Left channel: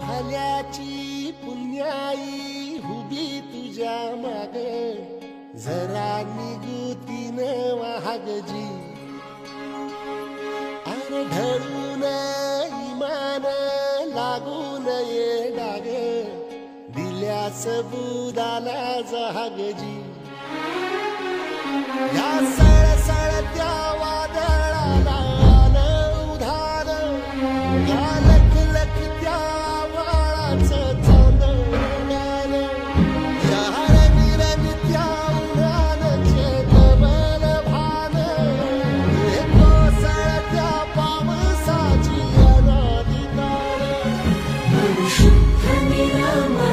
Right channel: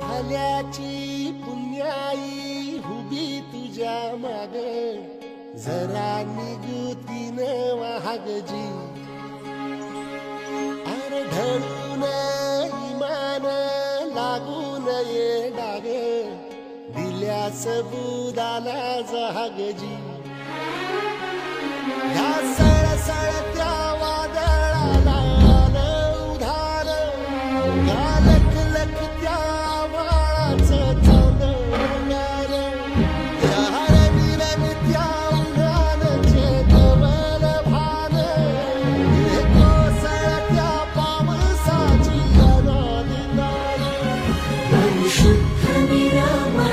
भल्याची पुण्याई उभी तुझ्या माग जरा निगुतीन वाहगजी अरे ढळून इमान लागून ये डाग दिल्या सबुदाला जहागजी या सळसळत्या वादळाला उधार गालख लख त्या वाळाचं चांदण्यान या रंगीरंगत्या उन्हानचे कमल भान हे कोसळत्या पावसाची अनादितान शुद्ध निरामय